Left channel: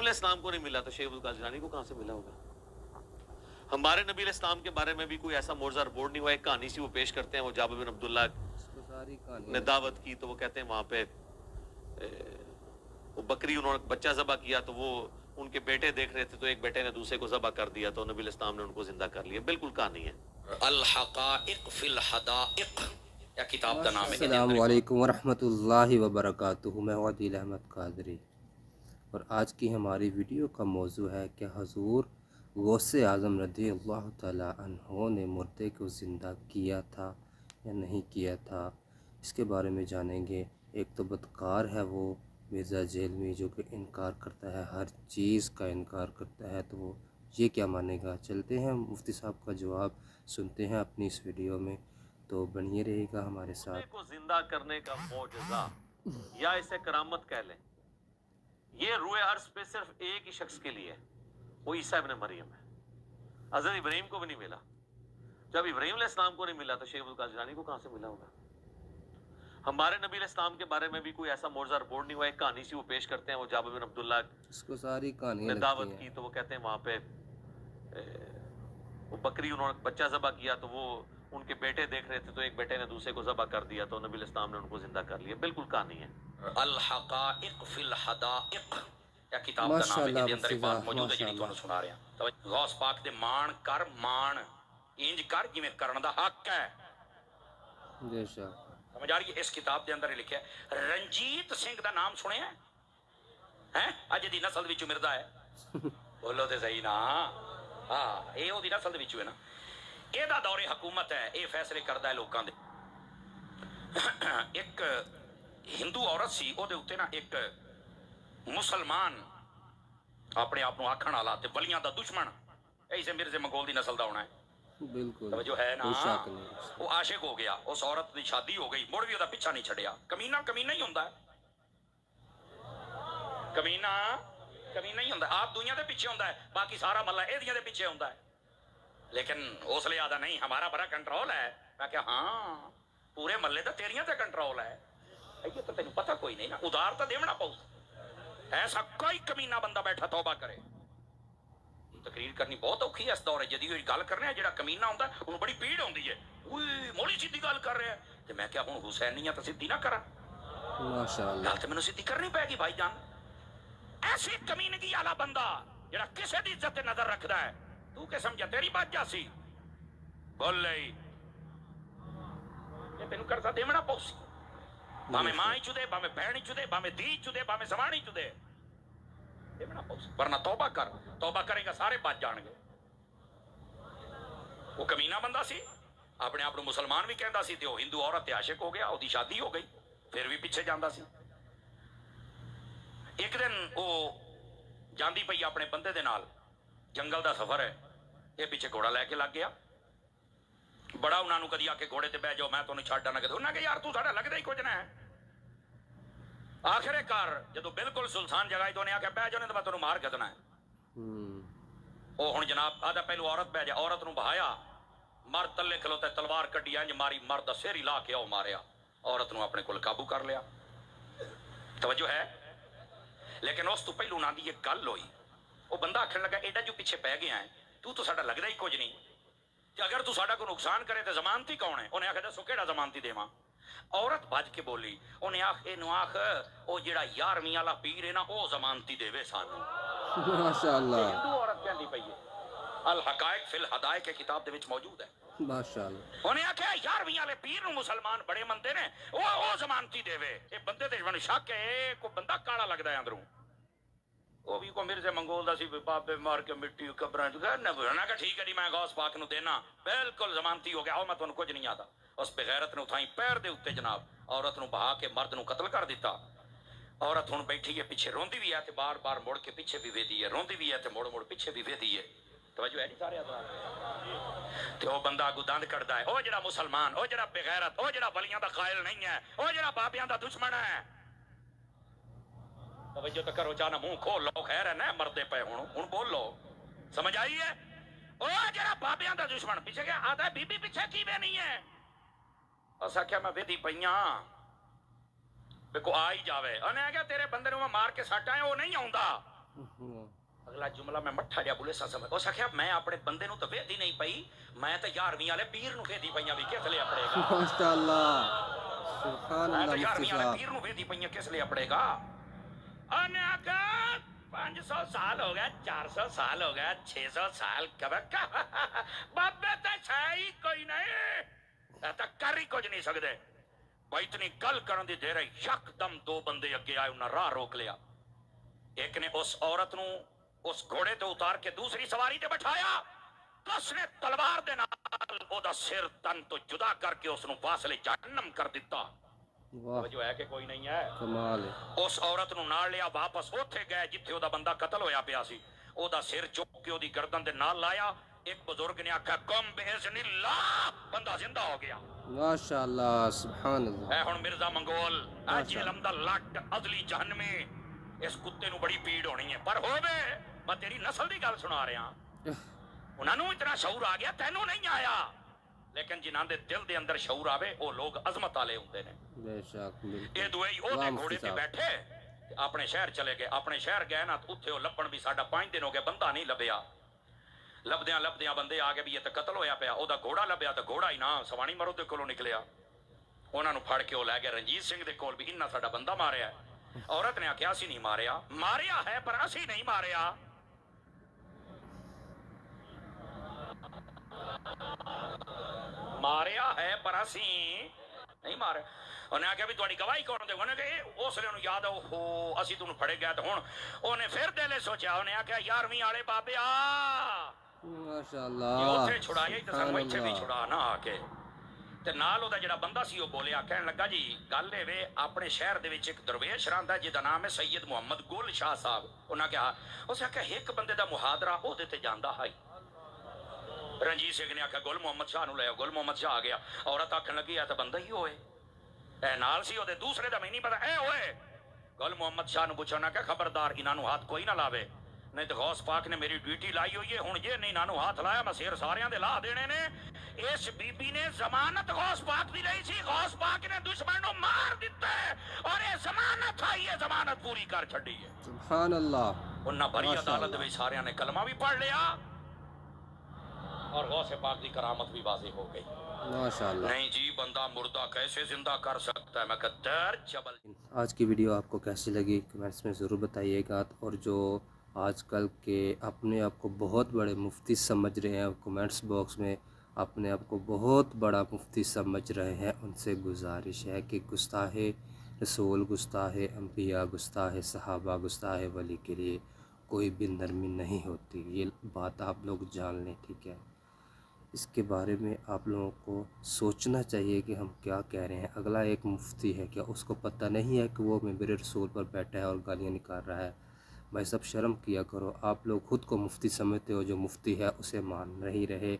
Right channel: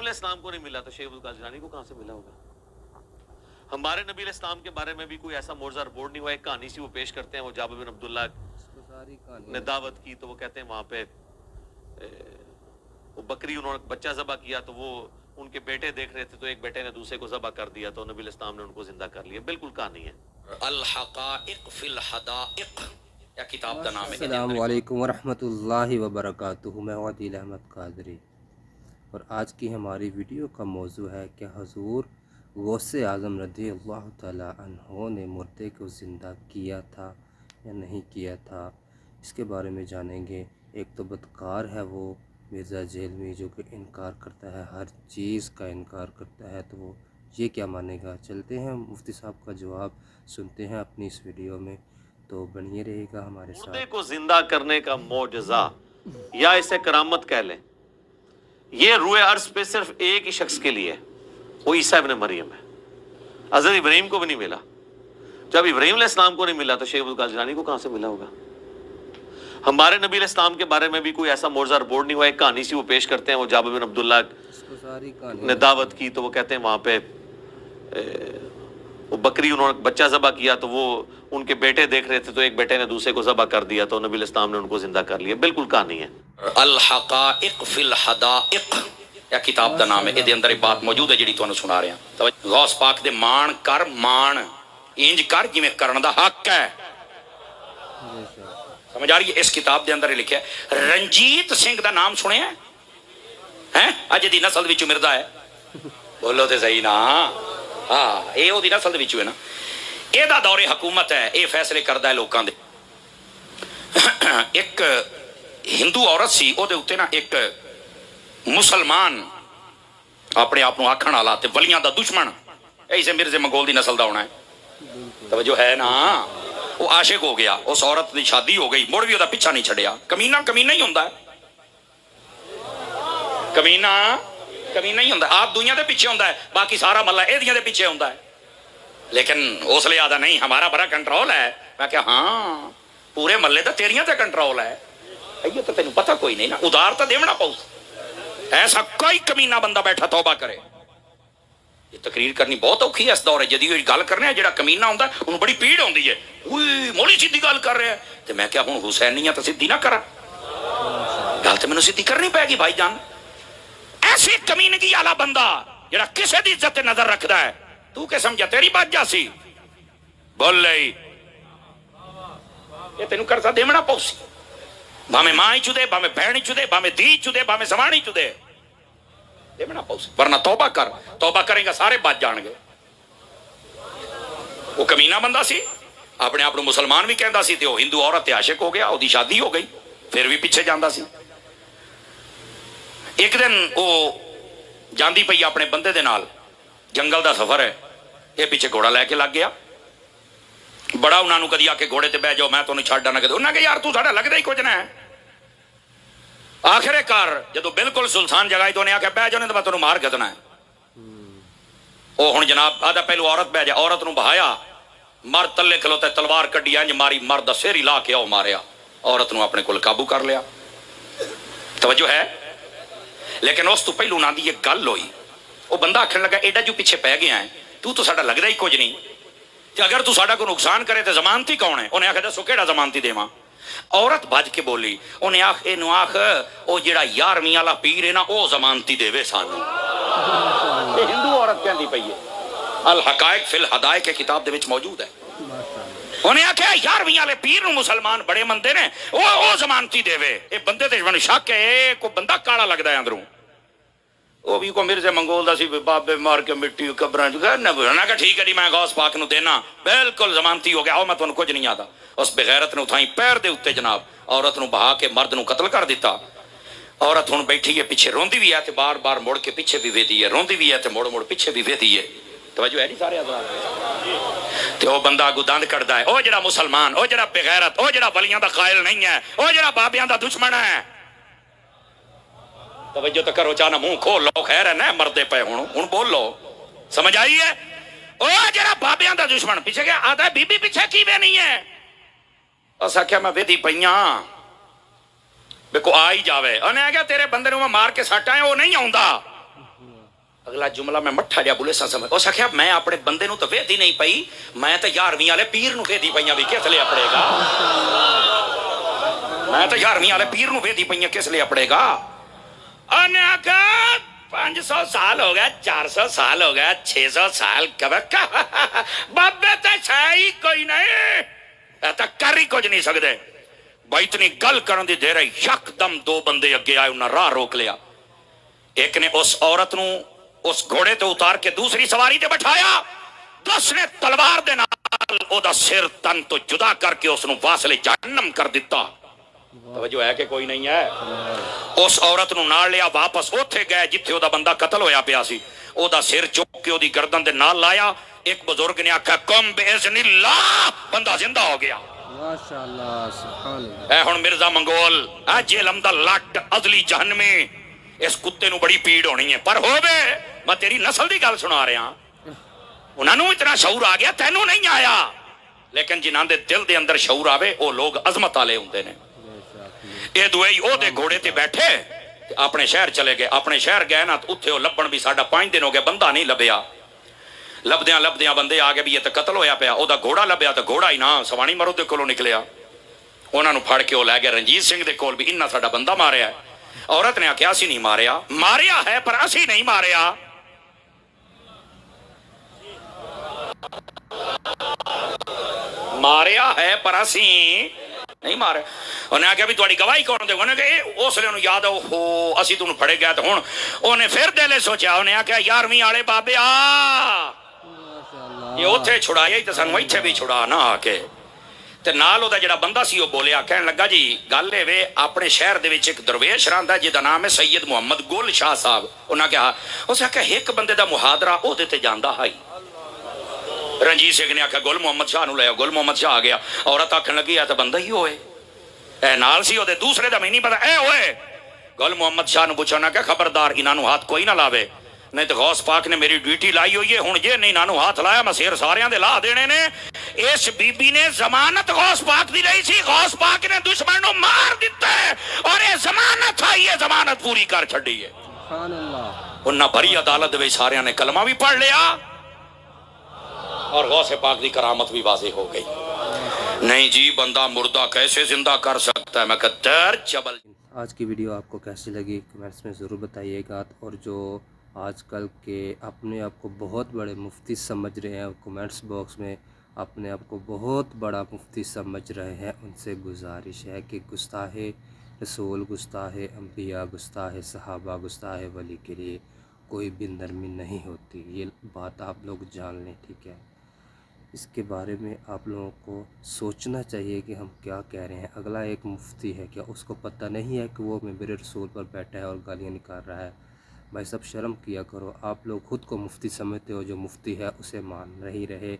ابراہیم علیہ السلام کو نہیں ملا تو شیخ عبد القادر جیلانی کو کہاں سے ملا ہوگا؟ ہمارے نبی علیہ السلام کے بارے میں بھی کوئی ایسا معجزہ رپورٹ نہیں ہوا. ایک کہانی سی وہ پیش کرتے ہیں, وہ جابر بن عبداللہ نے دعوت کی تو وہ کہتے ہیں وہاں پہ وہ بکری انہوں نے بچہ ذبح کیا تو وہ ان کے بیٹے دیکھ رہے تھے تو ایک بیٹے نے دوسرے کو ذبح کر دیا تو نبی علیہ السلام نے ان کو زندہ کر لیا. بالکل کہانی ہے. الحقائق فی الحدائق یا کتاب کا نام ہے. السلام علیکم ورحمۃ اللہ وبرکاتہ. میں عادل احمد قادری اور آج کی ہماری ویڈیو کا موضوع ہے کہ حضور غوث اعظم رضی اللہ تعالی عنہ نے مردے کو زندہ کیا تھا یا نہیں کیا تھا. اس کے بارے میں جانیں گے. ایک تو بدکار ہے وہ مرزا جہلمی جو کہ انکار کرتا ہے, ہر چیز کا انکار کرتا ہے, تو وہ یہ کیا مانے گا. چلتے ہیں مفتی صاحب کا جواب سنتے ہیں اپنی اس ویڈیو میں, تو بنیے رہے گا ہمارے ساتھ. مردے کو زندہ کرنے کا معجزہ یا اسے کرامت کہہ لیں, یہ روئے عرض پہ صرف ایک ہی شخص کے لیے, وہ عیسیٰ ابن مریم ہے. حضرت ابراہیم کو بھی نہیں ملا. جب ابراہیم علیہ السلام کو نہیں ملا تو شیخ عبد القادر جیلانی کو کہاں سے ملا ہوگا؟ ہمارے نبی علیہ السلام کے بارے میں بھی کوئی ایسا معجزہ رپورٹ نہیں ہوا. ایک کہانی سی وہ پیش کرتے ہیں, وہ جابر بن عبداللہ نے دعوت کی تو وہ کہتے ہیں وہاں پہ وہ بکری انہوں نے بچہ ذبح کیا تو وہ ان کے بیٹے دیکھ رہے تھے تو ایک بیٹے نے دوسرے کو ذبح کر دیا تو نبی علیہ السلام نے ان کو زندہ کر لیا. بالکل کہانی ہے. الحقائق فی الحدائق یا کتاب کا نام ہے. یہ اندر ایک بات موجود ہے جڑی تانوں سنا رہا ہاں. غوث پاک دے مان کر مان انج کر جویں کرن دا حق ہے. سمجھ آ رہی ہے؟ اس کتاب دے اندر لکھا ہے. رنجیت سنگھ دا نام سنیا ہے؟ اج دی نسل وچ مردا ہے. بولو تے صحیح نا. ہاں اے او دی نسل وچ ہے نا. اے دا دور حکومت ہے, اے فیصلے کردا ہے لوکاں دے. ایک ہندو عورت سی, او دے اوتے نا ایک مسلمان اپنے آپ آکھن والا تے ولیاں دا دشمن, ایسے مرزے منگول دی نسل دا ہونا ہے. توجہ ہے نا. وہ عاشق ہو گیا, اس عورت دی شادی ہو گئی, مڑ بھی وہ پیچھا نہیں چھڑیا. کمینہ کمینہ ہی ہوندا ہے, کمینہ کمینہ ہی ہوندا ہے. آپ دنیا دے پیچھے ہوندا ہے, باقی سارا ملہ اے دیاں دے پیچھے ہوندا ہے. لیکن اس لیے آدھا نہیں ہمارا بڑا کنٹرول ہے. میں کہا ہاں پورے ملے دا تیریاں تے کنٹرول ہے. یہ تو تینوں پتہ کوئی نہیں نا. ادھار تو دیونا پاؤ. ایسا کوئی کمینہ بندہ بیٹھا توبہ کرے. یہ تقریر کرنی بہت اوکھی ہے اس دور جدید. گل کرنے ہے جڑا کمینہ ہوندا ہے انہوں بڑی پیڑ ہوندی ہے. اوئے مولی سیدھی گل کر رہے ہیں تے میں کیا ہوں حسینیاں تو سیدھی نہ کرا. گل تے مینوں سیدھی کرنی پے گی بھائی جان. ایسی کمینگی والا بندہ جڑا کسے دی عزت تے نظر رکھدا ہے, تو کہ سمجھا تیری بات جاسی بول لئی. یہ تینوں کرتا دیونا پاؤ سی. بھامے ماں ہی چودے, بھامے بہن ہی چودے, بھامے دھی چودے, بھامے زبان ہی چودے, دیونا پاؤ سی. ورنہ توبہ کر. توبہ کریں گا سارے بچ جان گے. وہ کمینہ بندہ سی, اپنے آپ مسلمان بھی کہندا سی, تے وہ ہندو عورت تے عاشق ہو گیا, وہ دی شادی ہو گئی, پھر بھی پیچھے جاندا سی. ایک دن وہ جاندی پئی اپنے بندے دے نال, جنگل دا سفر ہے, یہ پیچھے گھوڑا لے کے لگ گیا. بڑا انہاں نوں کدی آ کے گھوڑے تے بہ جاؤ میں تانوں چھڈ نہ. کدی انہاں کہ یار تو ساڈا لگدا ہی کچھ نہ ہے. آخر کار جدو بالکل سلطان جگہ تو انہیں آخیا بہ جاؤ نہیں تو میں تانوں مار گدنا ہے. وہ ہن جناب آدھا پہلو عورت بہ جا, عورت نوں بہایا, مرد تلے کھلوتا تلوار کڈی انج ماری, مرد دا سر ہی لا کے او ماریا, عورت نوں اپنے کول قابو کر لیا. توجہ ہے؟ لیکن اس تو پہلو نہ دی یہ گل ہوئی. وہ بندہ آخر لگا ایڈا جو پیچھے پہ گیا ہے, تو ساڈا لگدا ہی کچھ نہیں, تے اگر تو ساڈا کو نقصان کرے تے ضمانتی کون ہے؟ انہیں آخیا دسو کیڑا ضمانتی دیواں. عورت بج کے بولی, انہیں آخ اینو آخ او جڑا 11ویں والا پیر ہے نا او ضمانتی دے سانو. ہندو عورت کہندی پئی ہے. الحقائق فی الحدائق کے کتاب دے وچ موجود ہے. انہیں آخیا 11ویں والے پیر نو مسلمان بڑے مندے نے, او ضمانتی دے. اے بندے تے من شک ہے, کو بندہ کالا لگدا ہے اندروں. وہ بھی کو مرزے منگول دا سی, بابے مار کے مٹی قبراں نہ کہ ٹھیک ہے جی میں غوث پاک نو دینا, بالکل ضمانتی ہو گیا. او میں تانوں کچھ نہیں آتا. اس بغیرت نے اٹھائی پیر دے اوتے جناب عورت نو بہا کے مرد نو قتل کر دیتا. عورت ہن بیٹھی ہے پیچھے روندی بھی ہے تے بار بار مڑ کے پیچھے بھی ویدی ہے, روندی بھی ہے تے مڑ مڑ پیچھے بھی ویدی ہے. توجہ ہے نہیں سارے حضرات؟ تے او بندہ اگوں دند کڈدا ہے, او جڑا مسلمان, او جڑا بغیرت, او جڑا ولیاں دا قائل نہیں ہے, او جڑا بابیاں دا دشمن ہے. توجہ تو کرو, چاہنا منہ کھول لو, خیر ہے نا مردے پے ہن بول لو. سمجھ آئی ہے؟ او جڑا بابیاں دا دشمن پیچھے گیا آدھا بی بی پیچھے کی وے نہیں ہے. اس آخیا میں ویدی پئیاں بے کو آ ہی جاوے. انہیں آ گیا تیرے بندے نو میں مار کے سٹ آئے, وہ نہیں آوندا. اگلا جملہ میں مٹھا جا بولے سا سمجھ اس آخیا میں اپنے بندے نو تو ویدی نہیں پئی میں تو 11ویں والے پیر نو ویدی پئی بھی کس لیے اپڑے گا میں تو 11ویں والے پیر نو ویدی پئی کس لیے اپڑے گا 500 سال ہو گیا 400 سال ہو گیا 600 سال بابے تو ہی کوئی نہیں کر ہی کچھ نہیں سکتے بھائی اتنی گل کرن دی دیر یک دم 2 بندے اگے آئے انہاں راہ روک لیا ایک نے اس عورت نو اس گھوڑے تے اتار کے دوسری سواری تے بٹھایا اس نے تلوار دے نال او دا سر تن تو جدا کر کے اس نو واصل جہنم کر دیتا توجہ ہے کہ کوئی نہیں ہے اس عورت نو نال لیا واپس اوتھے گئے جتھے او دا بندہ قتل ہویا پیا سی او دا سر چک کے او دی گردن دے نال لایا ایک بزرگ نے آکھا کم باذن اللہ بندہ زندہ ہو گیا ماشاءاللہ سبحان اللہ اے ہن مرزا منگول جہلم دا لٹ ازلی جہنمی اس کتے نو بڑی پیڑ ہونی ہے پر ہووے میں تیری نسل دی گل سنا رہا انہاں نو اتنا شعور آ گیا تینوں نہیں آیا لیکن جنہاں دے دل دے اندر شعور آوے او لوگ عظمت والے ہوندے نے اے دوئی او دے گھوڑے تے بیٹھے اپنے شہر چلے گئے اپنے شہر گئے نا اتھے او لبن بھی ساڈا 5 دن ہو گئے بندہ نہیں لبیا لبدیاں بندے آ گئے بھی یہ تے قتل ہویا پیا او دا گھوڑا لبیا تے گھوڑا ہی نہ سوانی مرو دے کولوں نکلیا انہاں نو پھڑ کے او لے گئے رنجیت سنگھ دے کول بھی انہاں ساڈا بندہ ماریا ہے عورت نے آخیا اسی نہیں ماریا ہے پر اسی نہیں ماریا ہے پر اسی نہیں مارے انہیں آخیا بھی تھوڑی گواہی کون دے انہیں کہ اس لیے انہوں یاد ہو اسی تمہیں پھڑے گیا تو ہوں انہیں پھر دلے سوچا انہیں آخیا 11ویں والے بابے یہ اتھے چھڑایا ہی تو سانو ایتھے بھی چھڑا نہ آ کے تے نال دا جڑا بندہ سی وہ بولیا کہنے لگا جی گل اے وے اپنے شہر دے وچ ایک درویش رہندا جہدا نام ہے سید محمد گل شاہ صاحب انہاں کہا اس آکھیا ایک بندے دا محاضرہ او دے تے جاندا ہے رنجیت سنگھ نے آکھیا گل محمد شاہ نو لے آؤ گل محمد شاہ آ گیا عورت آکھن لگی اے تے بندہ ہی ہوئے اے نال سی او دے دوسرے دا میں نہیں پتہ اے ہوئے گل محمد شاہ نو پوچھنا کہ خبردار انہاں نو ہاتھ کوئی نہ لاوے نہیں تو غوث پاک نے میری ڈیوٹی لائی ہوئی ہے ہن جے نہیں نانو ہاتھ لایا میں سیر ساریاں دے لا دینے نے اس بی بی نے ضمانت غوث پاک دی رہی سی غوث پاک نے دشمن نو مار دیتا ہے اور یہ ضمانت ہے یہ ضمانت پوری کر چھڑی ہے سبحان اللہ انہاں بھری عدالت دے ساریاں نے کلمہ بھی پڑھ لیا اور غوث پاک دی کرامت بھی واضح ہو گئی نہیں جی بندہ مردہ کیسے زندہ کر سکتا ہے میں کہتا جبل آج کی ویڈیو آپ کو کیسی لگی کمنٹس میں ضرور بتائیے گا اور جو آج کل کے اپنے آپ کو بہت بڑے مفتی سمجھ رہے ہیں کمنٹس باکس میں اپنے آپ کو بہت بڑا مفتی سمجھ رہے ہیں ان سے گزارش ہے کہ گستاخ رسول گستاخ انبیاء گستاخ صحابہ گستاخ ولی کے لیے کوئی بھی نرمی نہیں ہوتی یہ بات آپ لوگ جان لیں ٹھیک ہے اس کے بارے میں آپ لوگوں کو سوچنا چاہیے کہ ہم کیا کہہ رہے ہیں اگلا ایک مفتی ہے کیا اس کو پتہ نہیں ہے کہ وہ منبر رسول پر بیٹھا ہے اور گالیاں نکال رہا ہے بھائی سب شرم کیا کرو آپ لوگ خود کو مفتی سمجھتے ہو جو مفتی ہے اسے مان نہیں رہے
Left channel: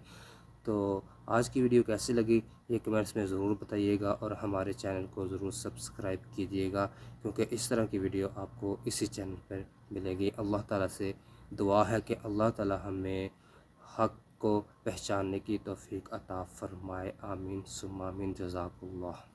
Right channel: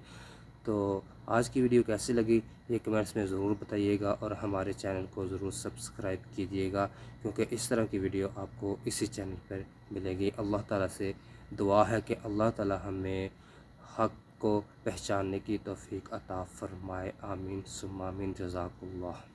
تو آج کی ویڈیو کیسی لگی یہ کمنٹس میں ضرور بتائیے گا اور ہمارے چینل کو ضرور سبسکرائب کیجیے گا کیونکہ اس طرح کی ویڈیو آپ کو اسی چینل پر ملے گی اللہ تعالیٰ سے دعا ہے کہ اللہ تعالیٰ ہمیں حق کو پہچاننے کی توفیق عطا فرمائے آمین ثم آمین جزاک اللہ